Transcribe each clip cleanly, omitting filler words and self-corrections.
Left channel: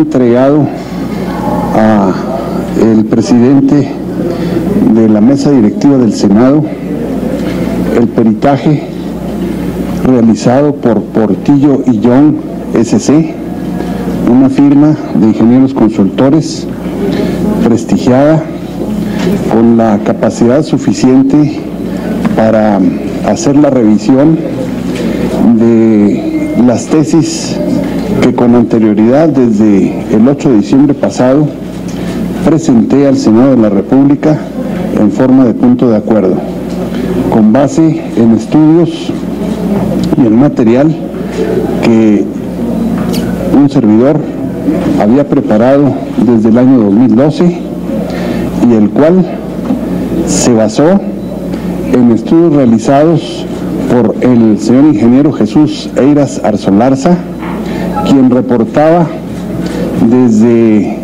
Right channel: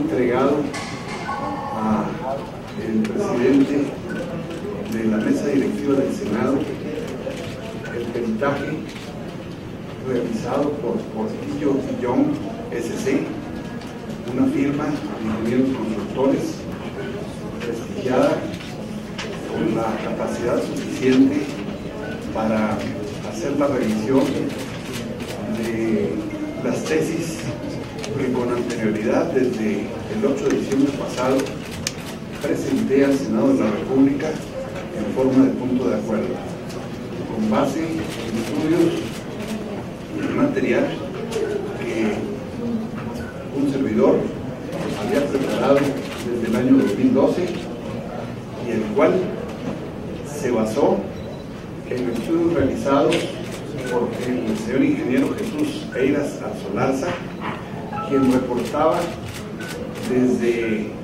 entregado a el presidente de la mesa directiva del Senado el peritaje realizado por Portillo y Young SC, una firma de ingenieros consultores prestigiada, con la capacidad suficiente para hacer la revisión de las tesis que con anterioridad, desde el 8 de diciembre pasado, presenté al Senado de la República en forma de punto de acuerdo, con base en estudios y el material que un servidor había preparado desde el año 2012 y el cual se basó en estudios realizados por el señor ingeniero Jesús Eiras Arzolarza, quien reportaba desde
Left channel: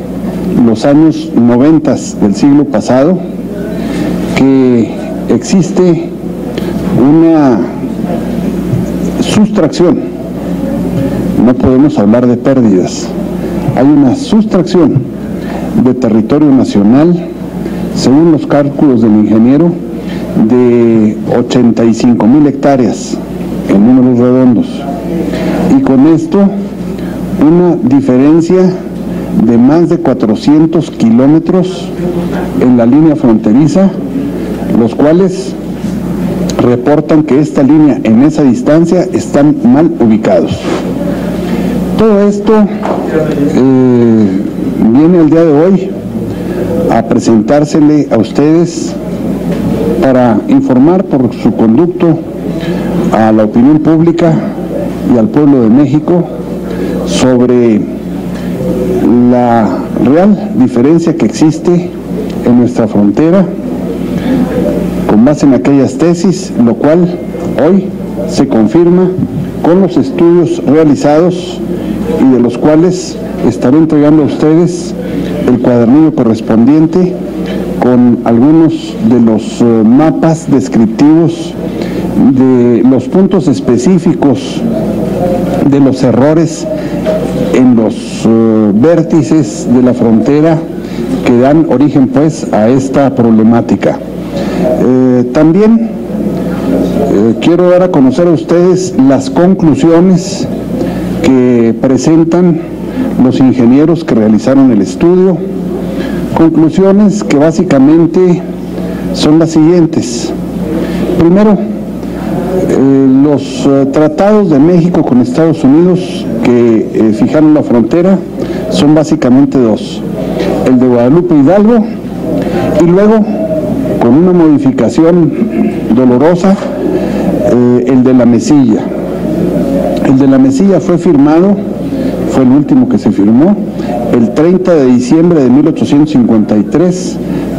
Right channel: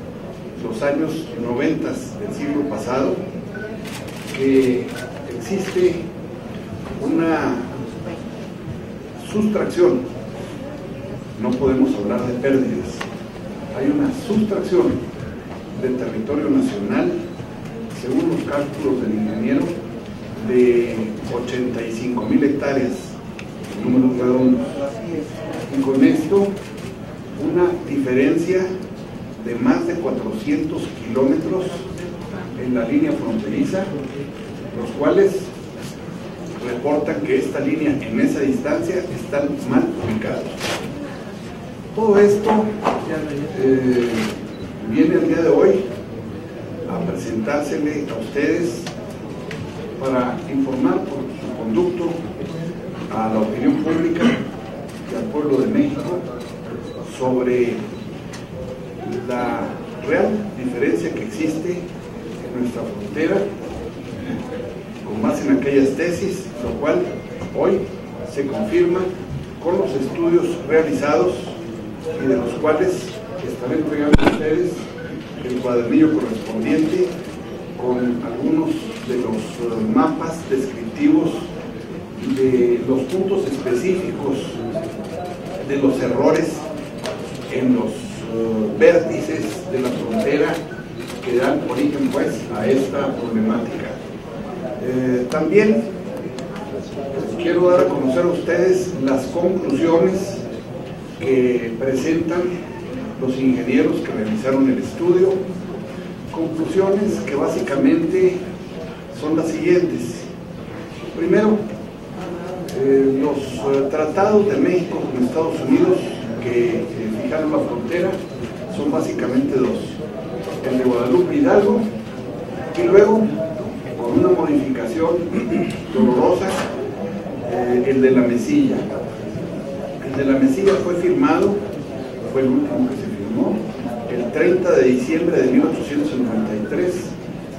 los años 90 del siglo pasado que existe una sustracción, no podemos hablar de pérdidas, hay una sustracción de territorio nacional, según los cálculos del ingeniero, de 85,000 hectáreas en números redondos, y con esto una diferencia de más de 400 kilómetros en la línea fronteriza, los cuales reportan que esta línea en esa distancia están mal ubicados. Todo esto viene el día de hoy a presentársele a ustedes para informar por su conducto a la opinión pública y al pueblo de México sobre la real diferencia que existe en nuestra frontera, con base en aquellas tesis, lo cual hoy se confirma con los estudios realizados y de los cuales estaré entregando a ustedes el cuadernillo correspondiente con algunos de los mapas descriptivos de los puntos específicos de los errores en los vértices de la frontera que dan origen pues a esta problemática. También quiero dar a conocer a ustedes las conclusiones que presentan los ingenieros que realizaron el estudio, conclusiones que básicamente son las siguientes. Primero, los tratados de México con Estados Unidos que fijaron la frontera son básicamente dos: el de Guadalupe Hidalgo y luego, con una modificación dolorosa, el de la Mesilla. El de la Mesilla fue firmado, fue el último que se firmó, el 30 de diciembre de 1853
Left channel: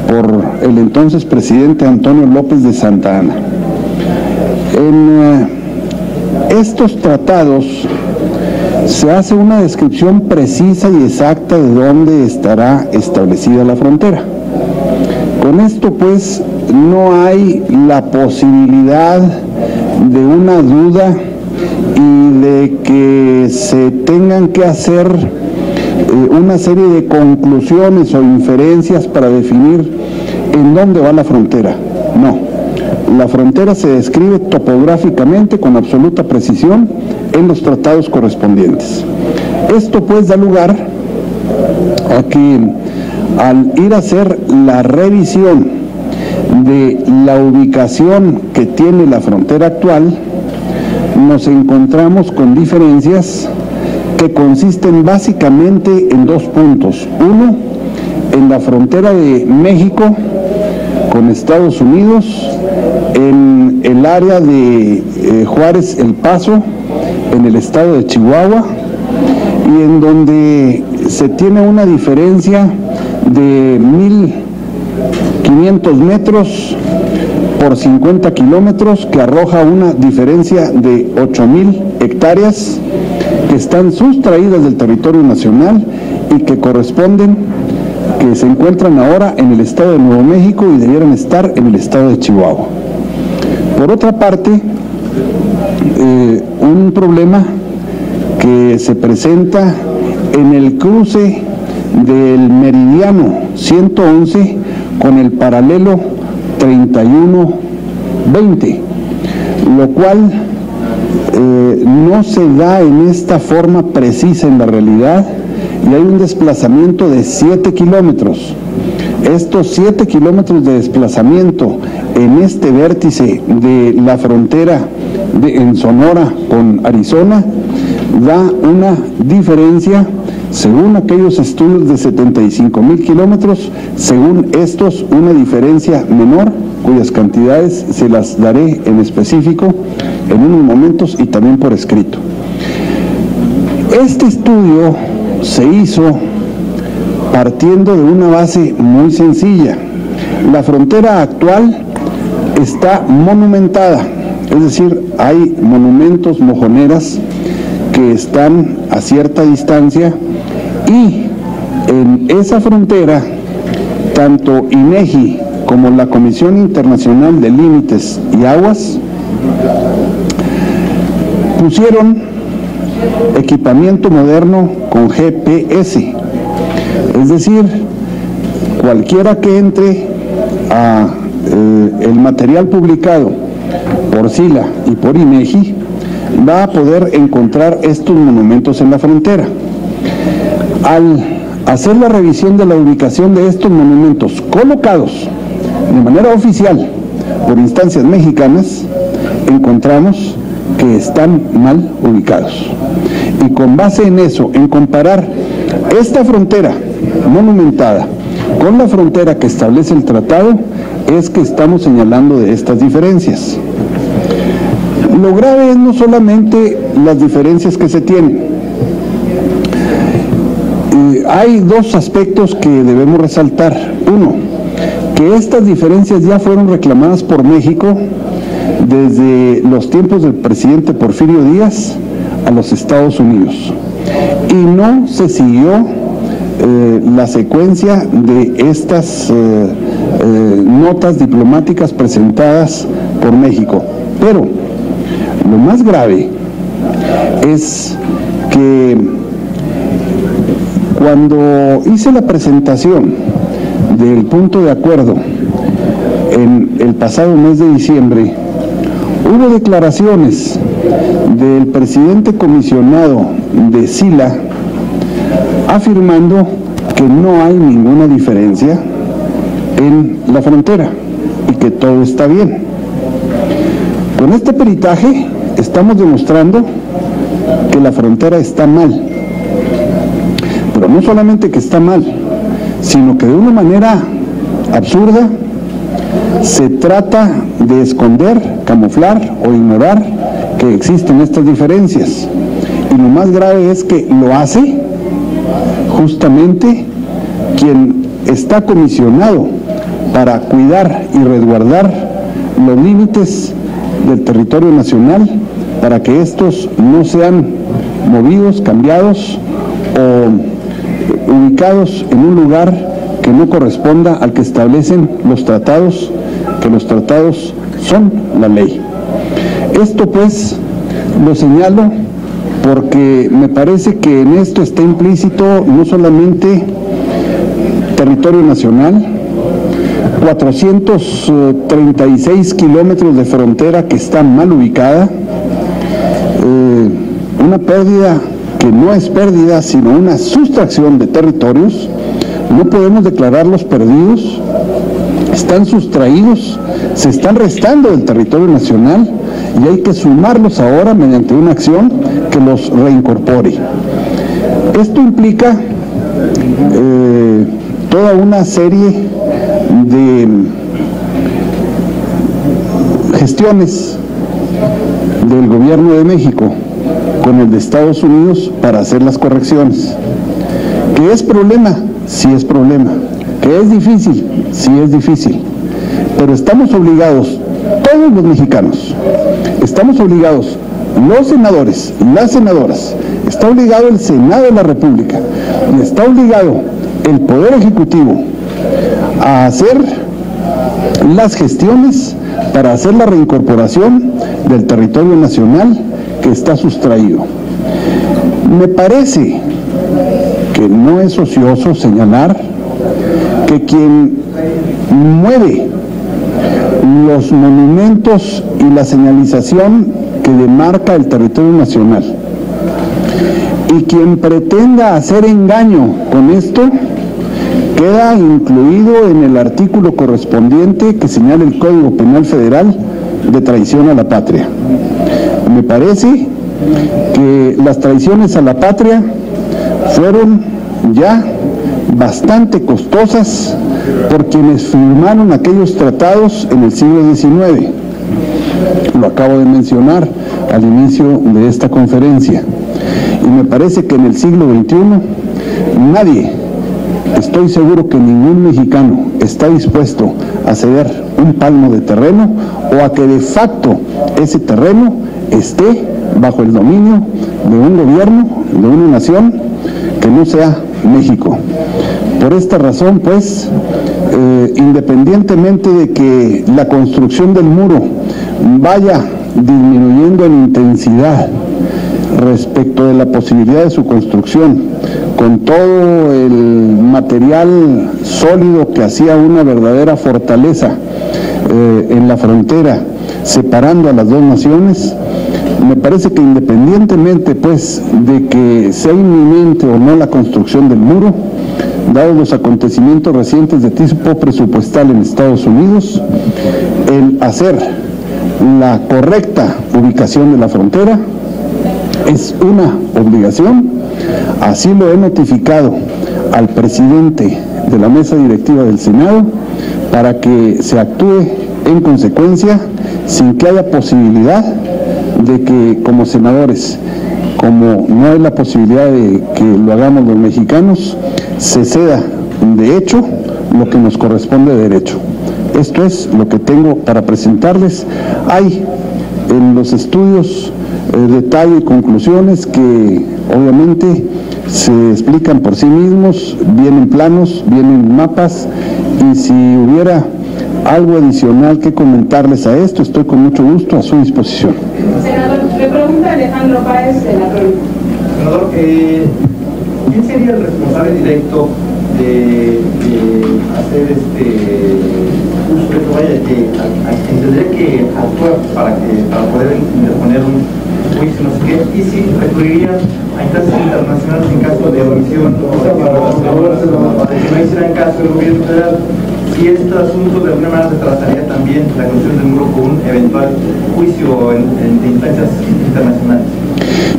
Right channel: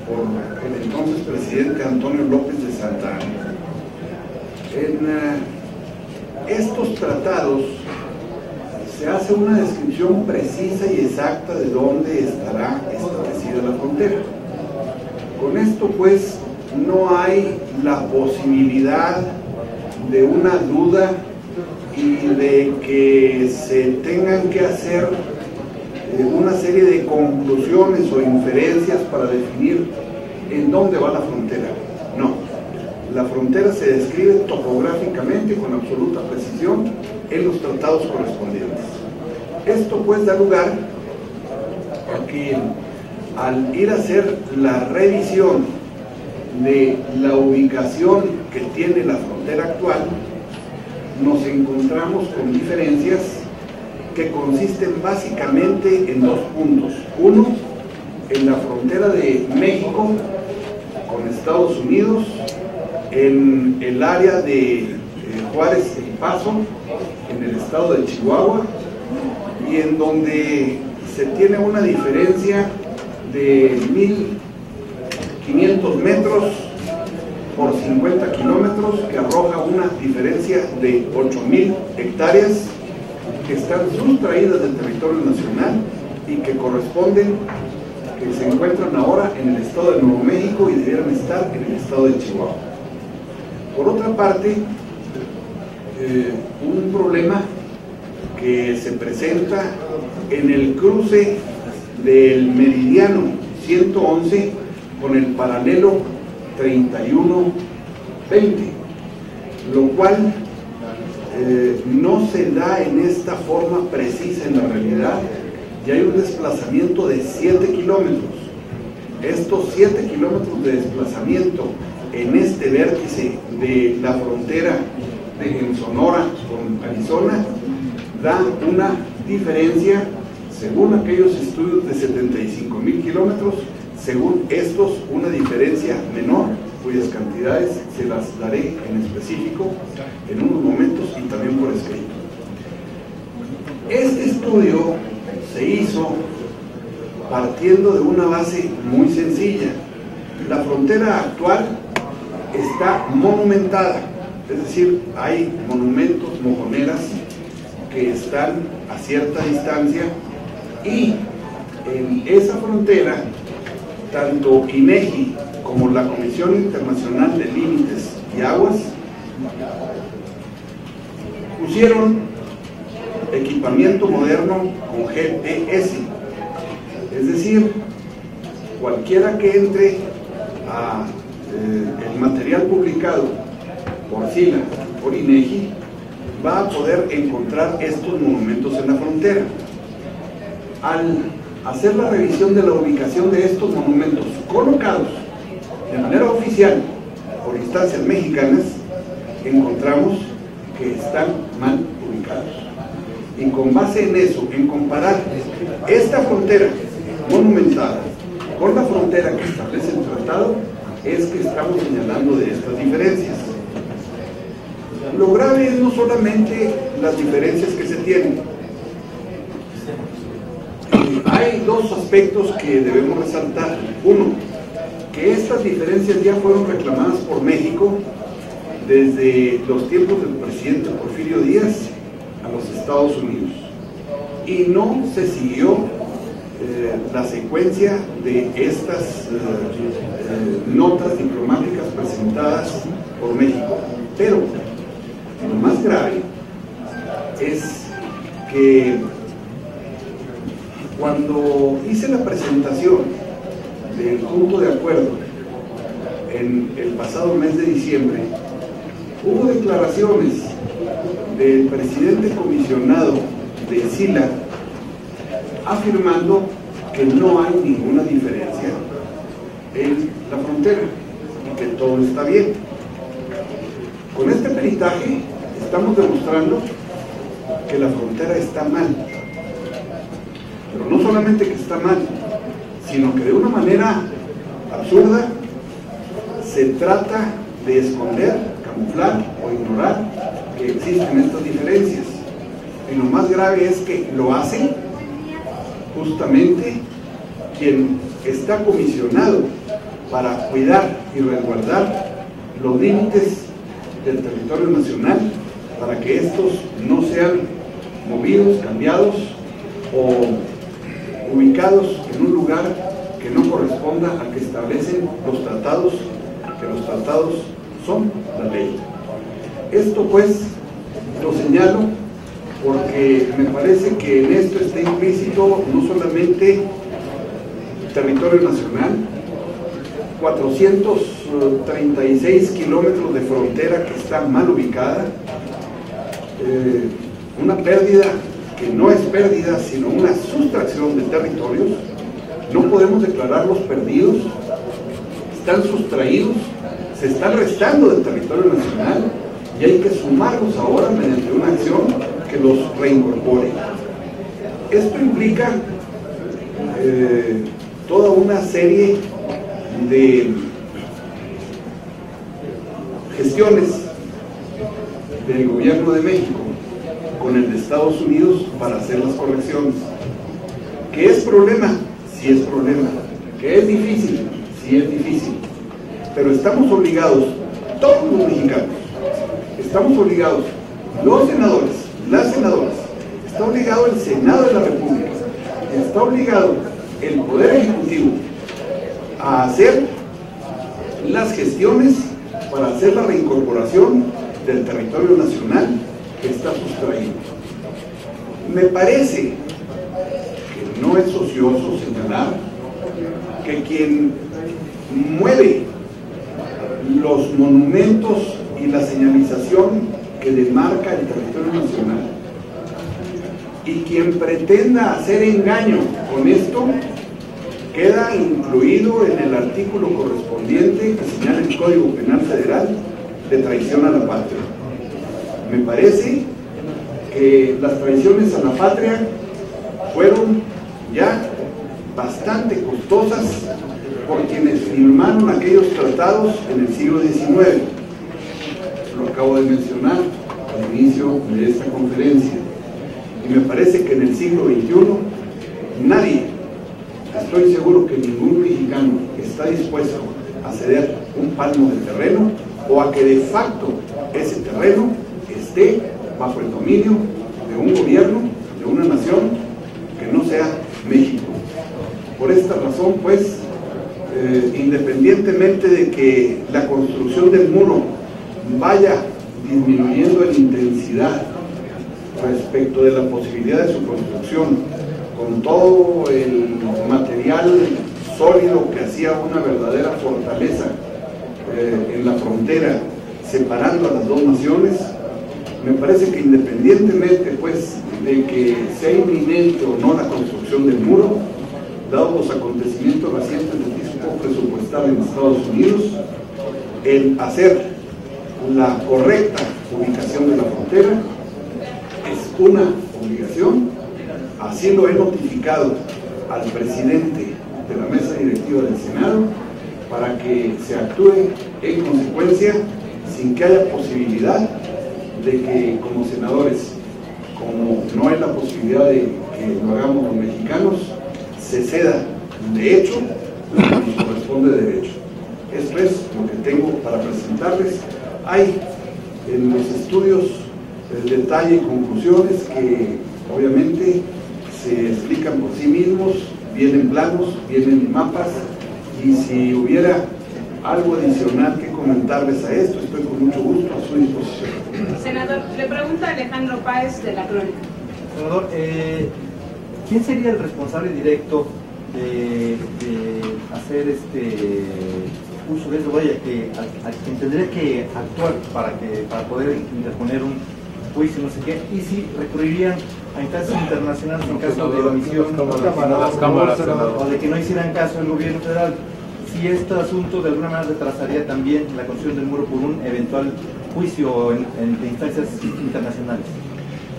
por el entonces presidente Antonio López de Santa Anna. En estos tratados se hace una descripción precisa y exacta de dónde estará establecida la frontera. Con esto pues no hay la posibilidad de una duda y de que se tengan que hacer una serie de conclusiones o inferencias para definir en dónde va la frontera. No, la frontera se describe topográficamente con absoluta precisión en los tratados correspondientes. Esto pues da lugar a que al ir a hacer la revisión de la ubicación que tiene la frontera actual, nos encontramos con diferencias que consisten básicamente en dos puntos. Uno, en la frontera de México con Estados Unidos, en el área de Juárez El Paso, en el estado de Chihuahua, y en donde se tiene una diferencia de 1,500 metros por 50 kilómetros, que arroja una diferencia de 8,000 hectáreas que están sustraídas del territorio nacional y que corresponden, que se encuentran ahora en el estado de Nuevo México y debieron estar en el estado de Chihuahua. Por otra parte, un problema que se presenta en el cruce del meridiano 111 con el paralelo 3120, lo cual no se da en esta forma precisa en la realidad, y hay un desplazamiento de 7 kilómetros. Estos 7 kilómetros de desplazamiento en este vértice de la frontera en Sonora con Arizona da una diferencia, según aquellos estudios, de 75,000 kilómetros, según estos una diferencia menor, cuyas cantidades se las daré en específico en unos momentos y también por escrito. Este estudio se hizo partiendo de una base muy sencilla. La frontera actual está monumentada, es decir, hay monumentos, mojoneras que están a cierta distancia, y en esa frontera tanto INEGI como la Comisión Internacional de Límites y Aguas pusieron equipamiento moderno con GPS, es decir, cualquiera que entre a el material publicado por SILA y por INEGI va a poder encontrar estos monumentos en la frontera. Al hacer la revisión de la ubicación de estos monumentos colocados de manera oficial por instancias mexicanas, encontramos que están mal ubicados. Y con base en eso, en comparar esta frontera monumentada con la frontera que establece el tratado, es que estamos señalando de estas diferencias. Lo grave es no solamente las diferencias que se tienen. Y hay dos aspectos que debemos resaltar. Uno, que estas diferencias ya fueron reclamadas por México desde los tiempos del presidente Porfirio Díaz a los Estados Unidos, y no se siguió la secuencia de estas notas diplomáticas presentadas por México. Pero lo más grave es que cuando hice la presentación del punto de acuerdo en el pasado mes de diciembre, hubo declaraciones del presidente comisionado de SILA afirmando que no hay ninguna diferencia en la frontera y que todo está bien. Con este peritaje estamos demostrando que la frontera está mal, pero no solamente que está mal, sino que de una manera absurda se trata de esconder, camuflar o ignorar que existen estas diferencias. Y lo más grave es que lo hace justamente quien está comisionado para cuidar y resguardar los límites del territorio nacional, para que estos no sean movidos, cambiados o ubicados en un lugar que no corresponda al que establecen los tratados, que los tratados son la ley. Esto pues lo señalo porque me parece que en esto está implícito no solamente territorio nacional, 436 kilómetros de frontera que está mal ubicada, una pérdida que no es pérdida, sino una sustracción de territorios. No podemos declararlos perdidos, están sustraídos, se están restando del territorio nacional, y hay que sumarlos ahora mediante una acción que los reincorpore. Esto implica toda una serie de gestiones del gobierno de México con el de Estados Unidos para hacer las correcciones. ¿Que es problema? Sí es problema. ¿Que es difícil? Sí es difícil. Pero estamos obligados, todos los mexicanos, estamos obligados, los senadores y las senadoras, está obligado el Senado de la República y está obligado el Poder Ejecutivo a hacer las gestiones para hacer la reincorporación del territorio nacional que está sustraído. Me parece que no es ocioso señalar que quien mueve los monumentos y la señalización que demarca el territorio nacional y quien pretenda hacer engaño con esto queda incluido en el artículo correspondiente que señala el Código Penal Federal de traición a la patria. Me parece que las traiciones a la patria fueron ya bastante costosas por quienes firmaron aquellos tratados en el siglo XIX. Lo acabo de mencionar al inicio de esta conferencia. Y me parece que en el siglo XXI nadie, estoy seguro que ningún mexicano está dispuesto a ceder un palmo de terreno o a que de facto ese terreno esté bajo el dominio de un gobierno, de una nación que no sea México. Por esta razón, pues, independientemente de que la construcción del muro vaya disminuyendo en intensidad respecto de la posibilidad de su construcción, con todo el material sólido que hacía una verdadera fortaleza en la frontera, separando a las dos naciones, me parece que independientemente pues de que sea inminente o no la construcción del muro, dados los acontecimientos recientes de tipo presupuestal en Estados Unidos, el hacer la correcta ubicación de la frontera es una obligación. Así lo he notificado al presidente de la mesa directiva del Senado para que se actúe en consecuencia sin que haya posibilidad de que como senadores, como no hay la posibilidad de que lo hagamos los mexicanos, se ceda de hecho lo que nos corresponde de derecho. Esto es lo que tengo para presentarles. Hay en los estudios detalle y conclusiones que obviamente se explican por sí mismos, vienen planos, vienen mapas, y si hubiera algo adicional que comentarles a esto, estoy con mucho gusto a su disposición. Senador, le pregunta Alejandro Páez de la Crónica. Senador, ¿quién sería el responsable directo de hacer uso de vaya a quien tendría que actuar para poder interponer un juicio, no sé qué, y si recurrirían a instancias internacionales en caso de omisión o de que no hicieran caso del gobierno federal, si este asunto de alguna manera retrasaría también la construcción del muro con un eventual juicio de instancias internacionales?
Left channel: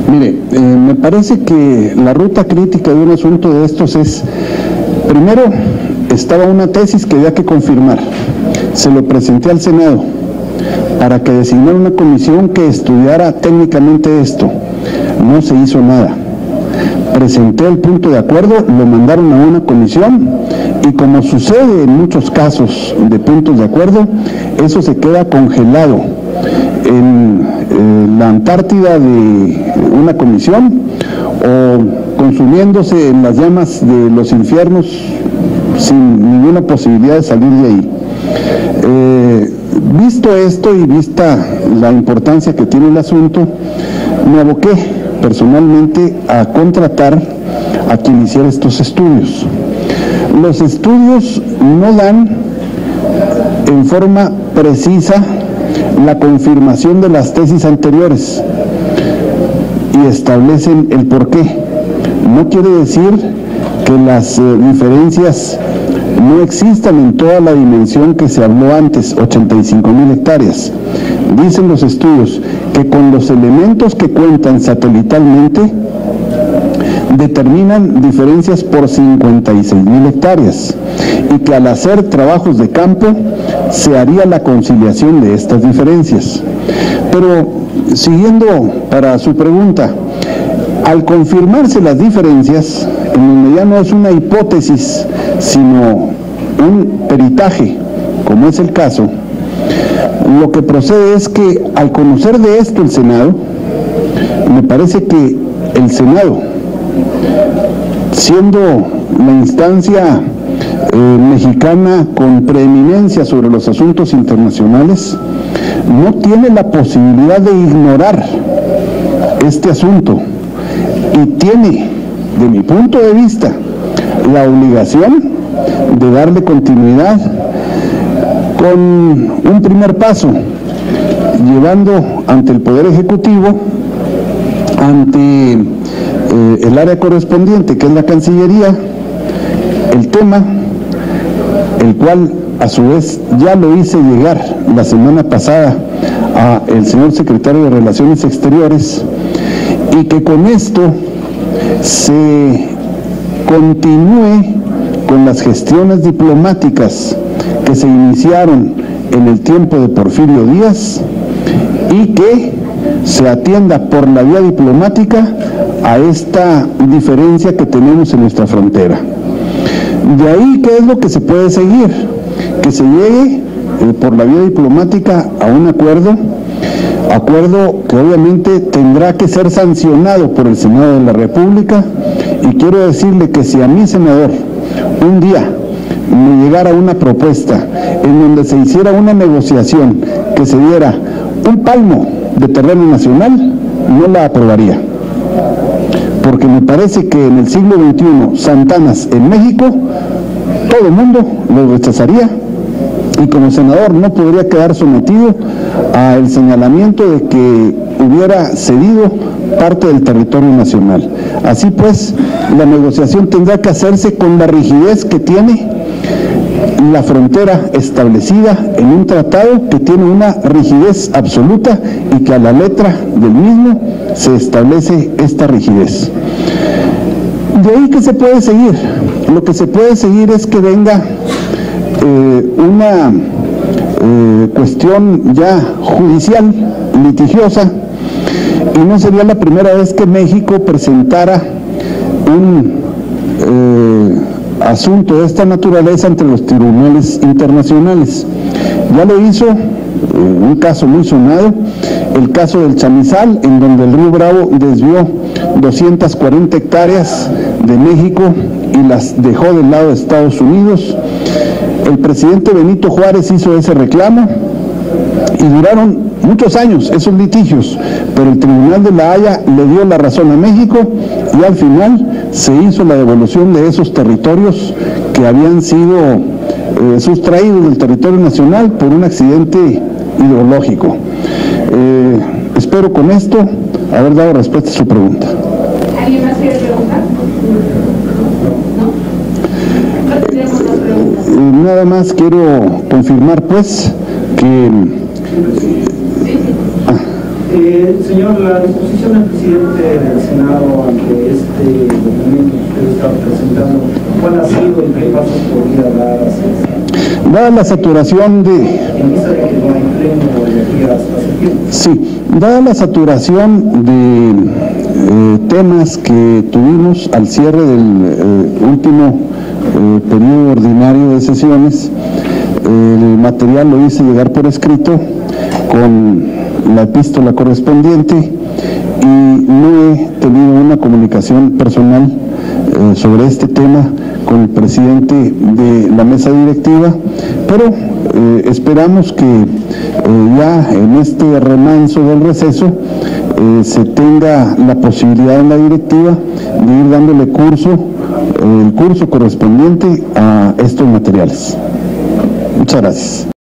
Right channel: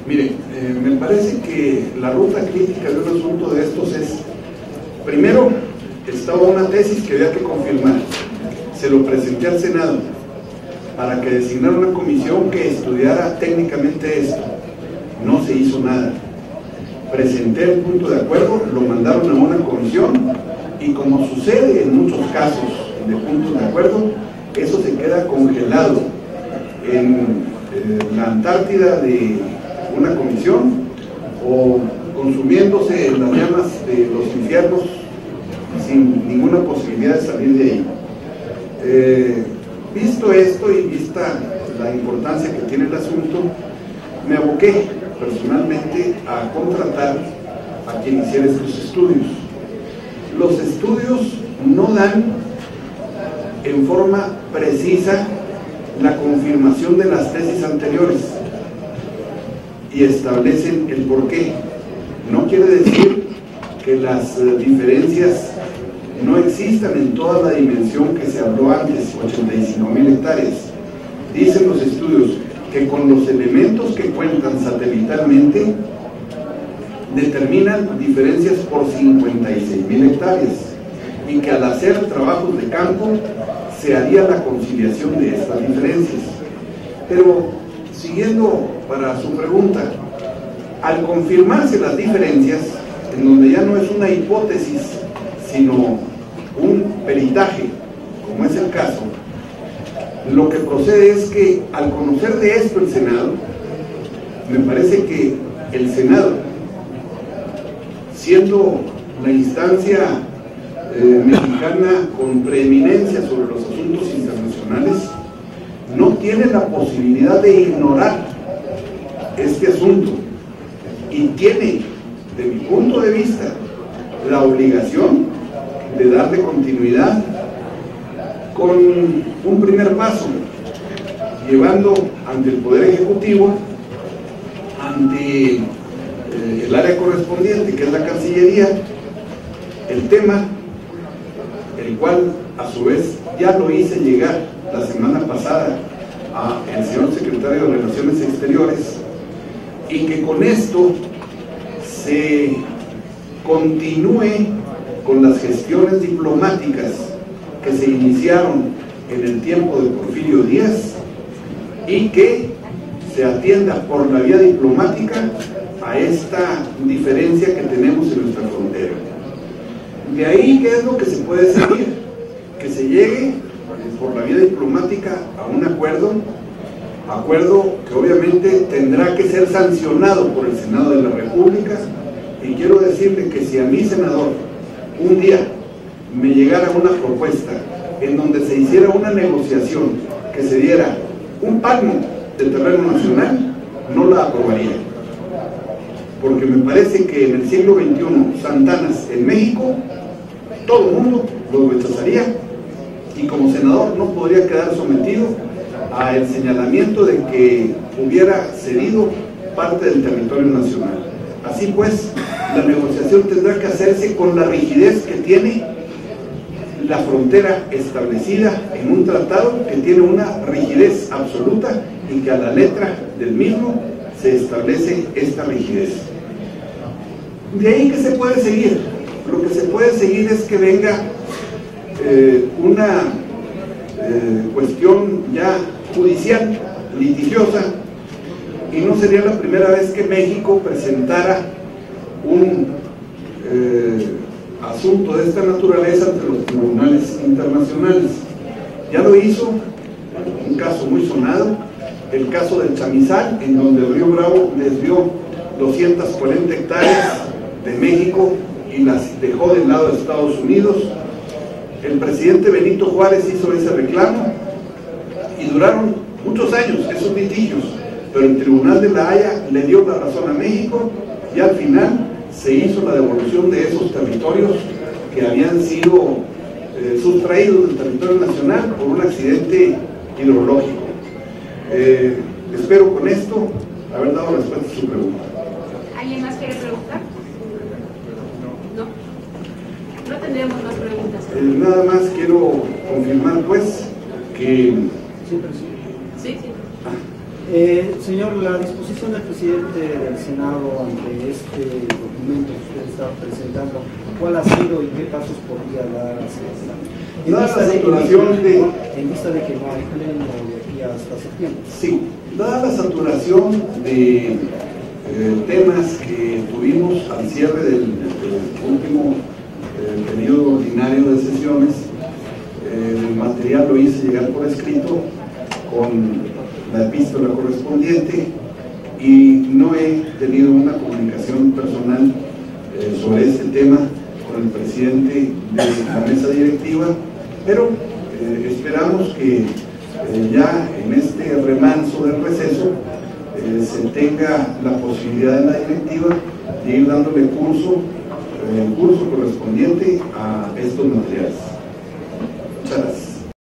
Mire, me parece que la ruta crítica de un asunto de estos es, primero, estaba una tesis que había que confirmar, se lo presenté al Senado para que designara una comisión que estudiara técnicamente esto, no se hizo nada. Presenté el punto de acuerdo, lo mandaron a una comisión y como sucede en muchos casos de puntos de acuerdo, eso se queda congelado en la Antártida de una comisión o consumiéndose en las llamas de los infiernos sin ninguna posibilidad de salir de ahí. Visto esto y vista la importancia que tiene el asunto, me aboqué personalmente a contratar a quien hiciera estos estudios. Los estudios no dan en forma precisa la confirmación de las tesis anteriores y establecen el porqué. No quiere decir que las diferencias no existan en toda la dimensión que se habló antes, 85,000 hectáreas. Dicen los estudios que con los elementos que cuentan satelitalmente determinan diferencias por 56,000 hectáreas y que al hacer trabajos de campo se haría la conciliación de estas diferencias. Pero siguiendo para su pregunta, al confirmarse las diferencias, en donde ya no es una hipótesis sino un peritaje, como es el caso, lo que procede es que al conocer de esto el Senado, me parece que el Senado, siendo la instancia mexicana con preeminencia sobre los asuntos internacionales, no tiene la posibilidad de ignorar este asunto y tiene de mi punto de vista, la obligación de darle continuidad con un primer paso, llevando ante el Poder Ejecutivo, ante el área correspondiente, que es la Cancillería, el tema, el cual a su vez ya lo hice llegar la semana pasada al señor secretario de Relaciones Exteriores, y que con esto se continúe con las gestiones diplomáticas que se iniciaron en el tiempo de Porfirio Díaz y que se atienda por la vía diplomática a esta diferencia que tenemos en nuestra frontera. De ahí, ¿qué es lo que se puede seguir? Que se llegue por la vía diplomática a un acuerdo que obviamente tendrá que ser sancionado por el Senado de la República, y quiero decirle que si a mi senador un día me llegara una propuesta en donde se hiciera una negociación que se diera un palmo de terreno nacional, no la aprobaría, porque me parece que en el siglo XXI Santanas en México todo el mundo lo rechazaría, y como senador no podría quedar sometido al señalamiento de que hubiera cedido parte del territorio nacional. Así pues, la negociación tendrá que hacerse con la rigidez que tiene la frontera establecida en un tratado que tiene una rigidez absoluta, y que a la letra del mismo se establece esta rigidez. De ahí, ¿qué se puede seguir? Lo que se puede seguir es que venga una cuestión ya judicial, litigiosa, y no sería la primera vez que México presentara un asunto de esta naturaleza ante los tribunales internacionales. Ya lo hizo un caso muy sonado, el caso del Chamizal, en donde el río Bravo desvió 240 hectáreas de México y las dejó del lado de Estados Unidos. El presidente Benito Juárez hizo ese reclamo y duraron muchos años esos litigios, pero el Tribunal de la Haya le dio la razón a México, y al final se hizo la devolución de esos territorios que habían sido sustraídos del territorio nacional por un accidente ideológico. Espero con esto haber dado respuesta a su pregunta. ¿Alguien más quiere preguntar? ¿No? No tendríamos más preguntas. Nada más quiero confirmar pues que... Señor, la disposición del presidente del Senado ante este documento que usted está presentando, ¿cuál ha sido y qué pasos podría dar hacia esta? Dada la saturación de... En vista de que no hay pleno de aquí hasta septiembre. Sí, dada la saturación de temas que tuvimos al cierre del último periodo ordinario de sesiones, el material lo hice llegar por escrito con la epístola correspondiente, y no he tenido una comunicación personal sobre este tema con el presidente de la mesa directiva, pero esperamos que ya en este remanso del receso se tenga la posibilidad en la directiva de ir dándole el curso correspondiente a estos materiales. Muchas gracias.